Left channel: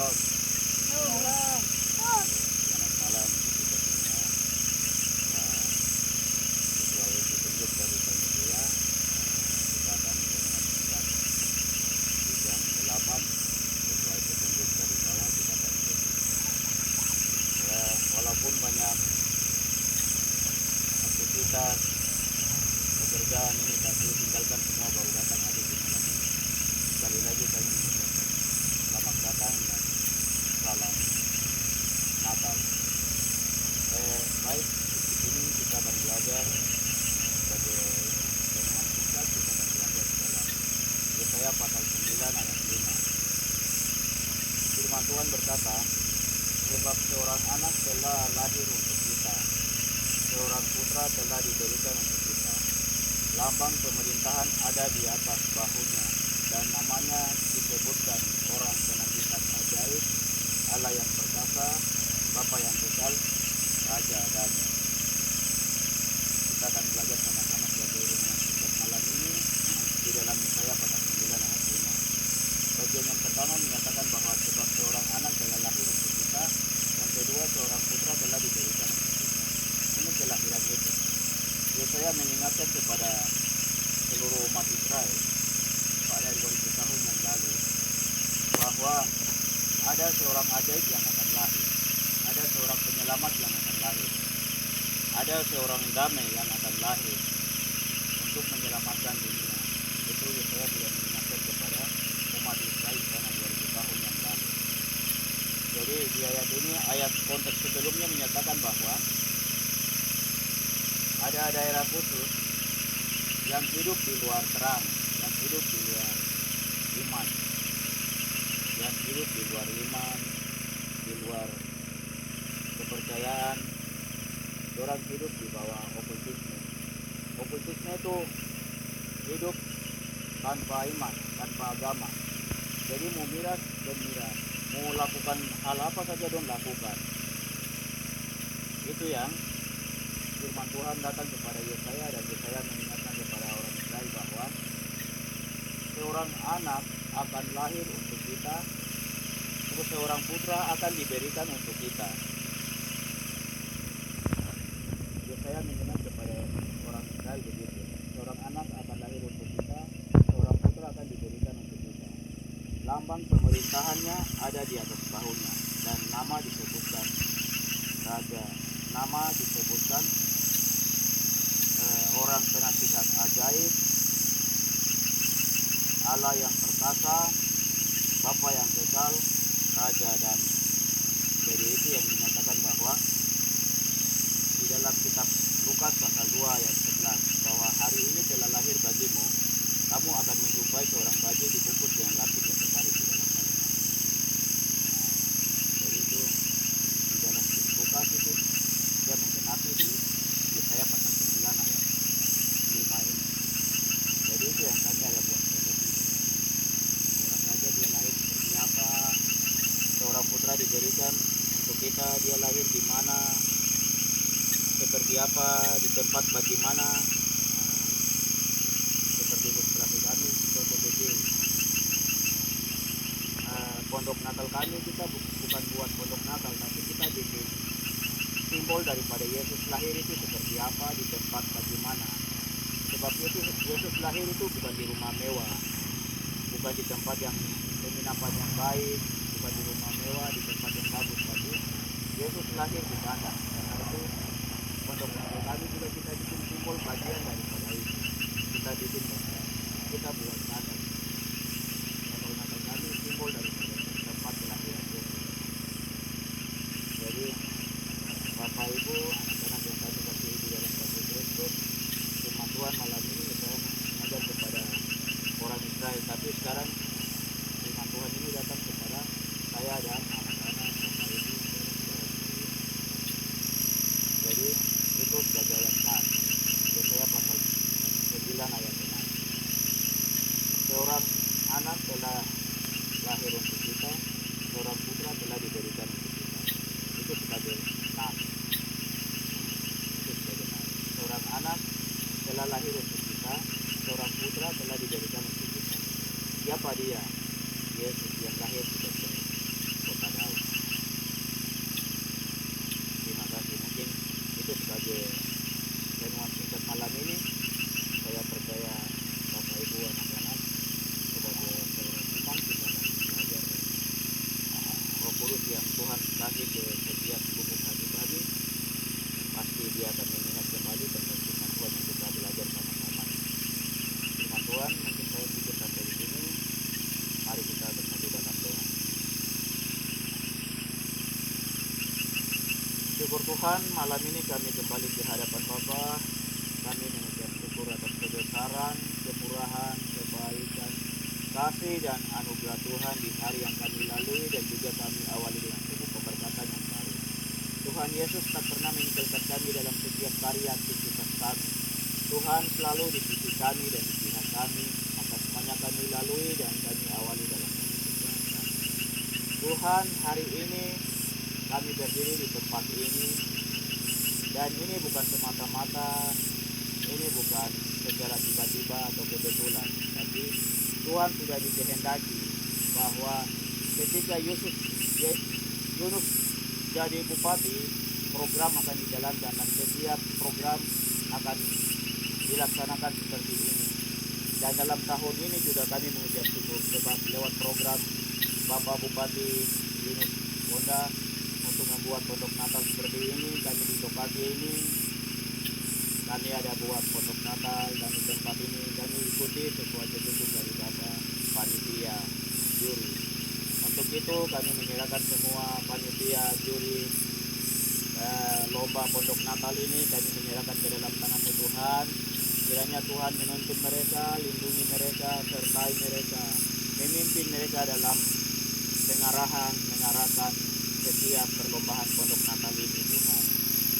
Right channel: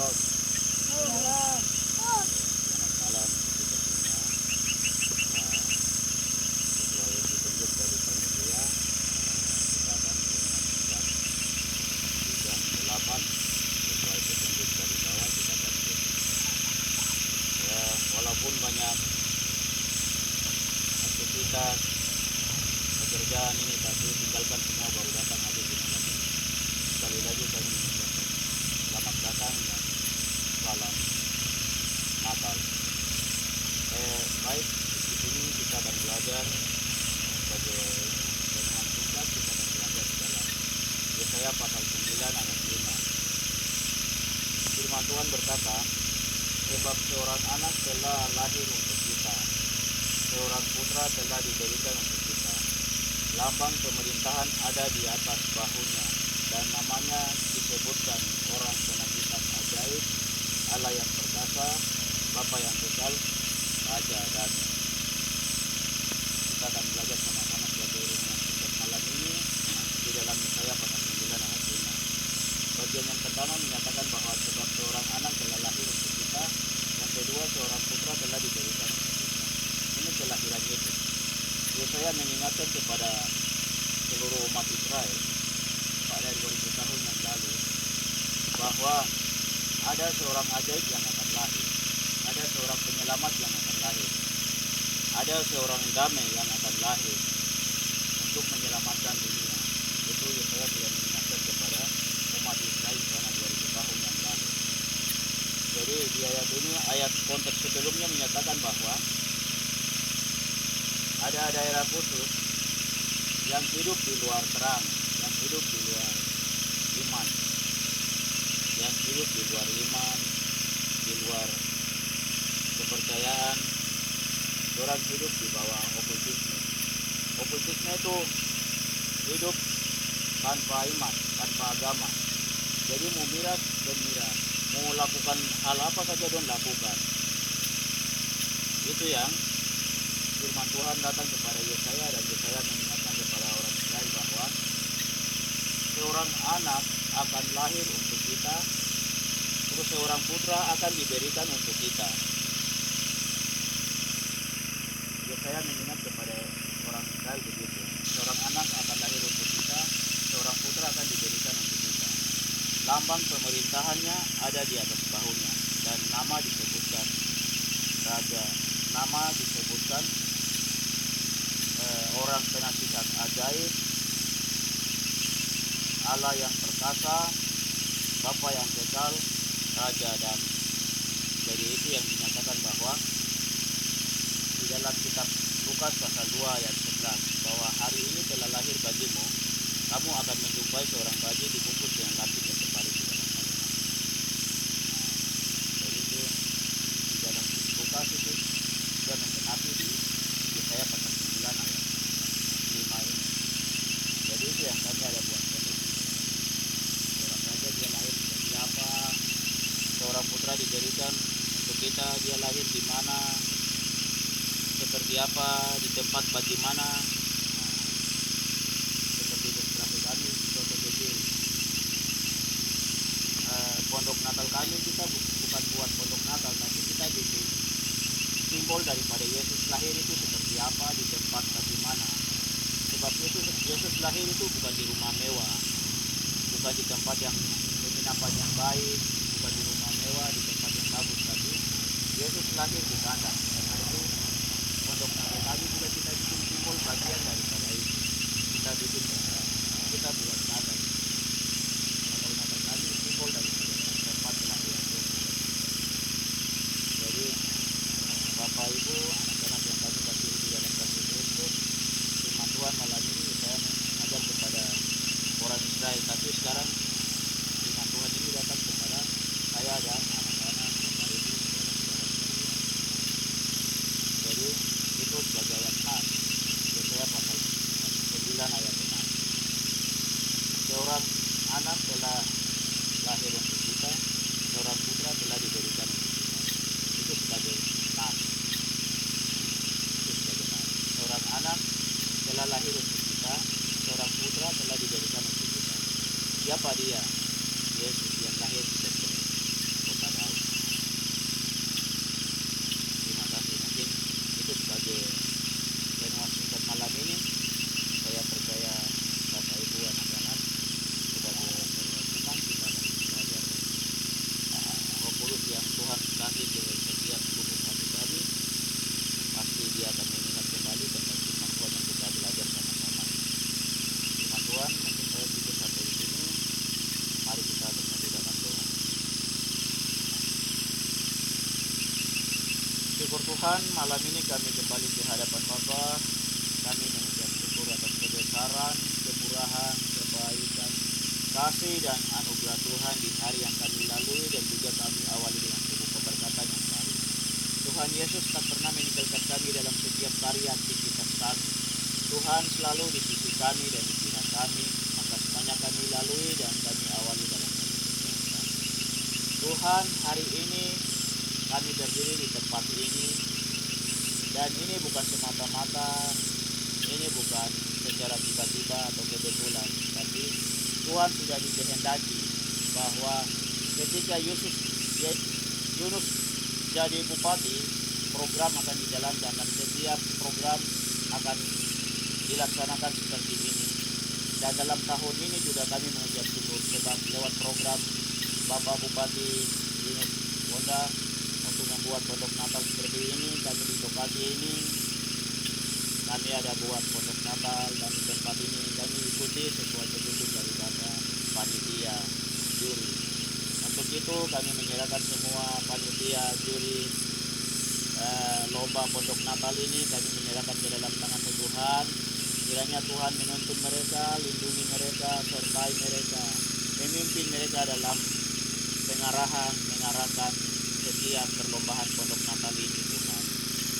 Shalom. Shalom. Selamat malam untuk kita semua. Sesuai petunjuk dari panitia, kita akan mengajukan di jam 8. Sesuai petunjuk dari bawah kita akan ya, walaupun banyak aktivitas pekerjaan ini, tapi tinggalkan semua baru datang hadir di malam ini. Sekali lagi kami mengucapkan selamat datang dan salam Natal. Baik, di sini kita akan belajar sebagai firman kita akan belajar dalam Yesaya pasal 9 ayat 5. Firman Tuhan berkata, sebab seorang anak telah lahir untuk kita, seorang putra telah diberikan untuk kita. Lambang pemerintahan ada di atas bahunya, dan namanya disebutkan Orang Penasihat Ajaib, Allah yang perkasa, Bapa yang kekal, Raja Damai. Kita akan belajar sama-sama sebagai rumah setiap malam ini di dalam Yesaya pasal 9 ayat 5. Bagian yang pertama menyatakan bahwa sebab seorang anak telah lahir untuk kita, yang kedua seorang putra telah diberikan untuk kita. Ini kelahiran Yesus. Yesaya mengingatkan kepada seluruh umat Israel pada 2000 tahun yang lalu bahwa ada seorang ajaib yang akan lahir, ada seorang penyelamat yang akan lahir, ada seorang damai yang akan lahir untuk menyelamatkan dunia. Itu Yesaya sudah mengingatkan kepada umat Israel karena 2000 tahun yang lalu. Jadi di ayat ini, ayat konteks sebelumnya menyatakan bahwa ada daerah khusus yang hidup di luar terang, yang hidup di luar iman, yang hidup di luar iman, di luar kepercayaan. Orang hidup di bawah okultisme. Okultisme itu hidup tanpa iman, tanpa agama. Jadi mau miras dan miras, mau lakukan hal apa saja don lakukan. Itu yang firman Tuhan datang kepada Yesaya, dan Yesaya mengingatkan kepada orang Israel bahwa seorang anak akan lahir untuk kita, terus seorang putra akan diberikan untuk kita. Yesaya mengingat kepada orang Israel begitu, seorang anak akan lahir untuk kita, seorang putra akan diberikan untuk kita. Lambang pemerintahannya ada di atas bahunya, dan nama disebutkan Raja, nama disebutkan Orang Penasihat Ajaib, Allah yang perkasa, Bapa yang kekal, Raja Damai. Jadi itu yang dinyatakan bahwa di dalam kitab Lukas pasal 2 ayat 11, bahwa hari ini telah lahir bagimu, kamu akan menjumpai seorang bayi dibungkus dengan lapis yang terbaring di dalam kalimat. Jadi itu di dalam Lukas itu sudah menggenapi di Yesaya pasal 9 ayat 5 ini. Jadi itu yang kami ada buat seorang raja dia lahir seperti apa, seorang putra diberikan untuk kita, dia lahir di mana, seperti apa, di tempat bagaimana. Seperti ilustrasi kami contoh kecil, pondok Natal kami, kita bukan buat pondok Natal, tapi kita bikin simbol daripada Yesus lahir itu seperti apa, di tempat bagaimana. Sebab Yesus lahir itu bukan di rumah mewah, bukan di tempat yang penginapan yang baik, bukan di rumah mewah, di tempat yang bagus, tapi Yesus lahir di sana. Karena itu pondok Natal kami juga kita bikin simbol bagian daripada itu. Kita bikin, kita buat Natal. Natal kami simbol daripada tempat kelahiran Yesus. Jadi Bapak Ibu, anak-anak yang kami kasihi di dalam kasih Kristus, firman Tuhan malam ini saya mengajar kepada orang Israel, tapi sekarang firman Tuhan ini datang kepada saya dan anak-anak Bapak Ibu, saudara-saudara sekalian. Jadi itu sebagai ayat 6, Yesaya pasal 9 ayat 6. syukur Tuhan, malam ini kami kembali di hadapan Bapa. Kami mengucap syukur atas kebesaran, kemurahan, kebaikan, kasih dan anugerah Tuhan di hari yang kami lalui, dan juga kami awali dengan sebuah keberkatan yang baru. Tuhan Yesus tak pernah meninggalkan kami dalam setiap karya aktivitas kami. Tuhan selalu di sisi kami dan di pihak kami, maka semuanya kami lalui dan kami awali dalam kesehatan. Tuhan, hari ini kami berdiri di tempat ini, dan ini bukan semata-mata, ini bukan secara tiba-tiba atau kebetulan, tapi Tuhan sudah dikehendaki bahwa ketika Yunus jadi bupati, program akan dijalankan dan setiap program akan dilaksanakan seperti ini. Dan dalam tahun ini juga kami mengucap syukur sebab lewat program Bapak Bupati Yunus Bonda untuk membuat pondok Natal seperti ini, kami di lokasi ini kami ada buat pondok Natal, dan di tempat ini kami ikuti sesuai petunjuk dari Bapak panitia juri. Untuk itu kami menyerahkan semua panitia juri lomba pondok Natal ini, kami menyerahkan ke dalam tangan Tuhan. Kiranya Tuhan menuntun mereka, lindungi mereka, sertai mereka, memimpin mereka dalam mengarahkan setiap perlombaan pondok Natal ini, Tuhan.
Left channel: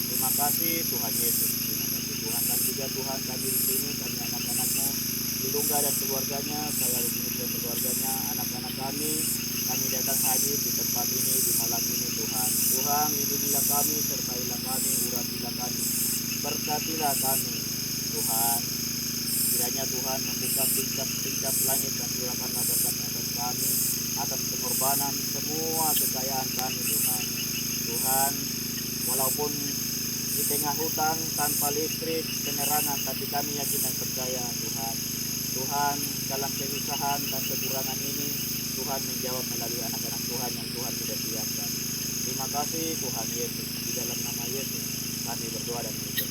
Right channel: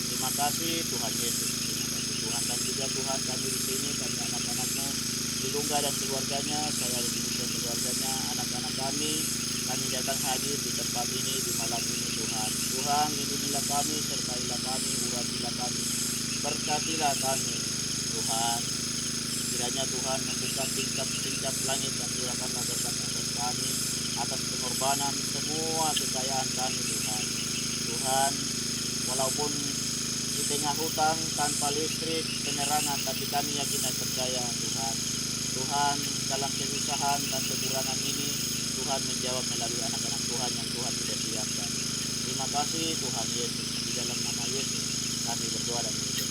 Terima kasih Tuhan Yesus, terima kasih Tuhan. Dan juga Tuhan, kami di sini, kami anak-anak-Mu, Dilungga dan keluarganya, saya Rufinus dan keluarganya, anak-anak kami datang hadir di tempat ini, di malam ini, Tuhan. Tuhan, lindungilah kami, sertailah kami, uratilah kami, berkatilah kami, Tuhan. Kiranya Tuhan membuka tingkap langit dan curahkanlah berkat atas kami, atas pengorbanan semua kekayaan kami, Tuhan. Tuhan, walaupun di tengah hutang, tanpa listrik, penerangan, tapi kami yakin dan percaya, Tuhan. Tuhan, dalam kesusahan dan kekurangan ini, Tuhan menjawab melalui anak-anak Tuhan yang Tuhan sudah siapkan. Terima kasih Tuhan Yesus. Di dalam nama Yesus kami berdoa dan mengucap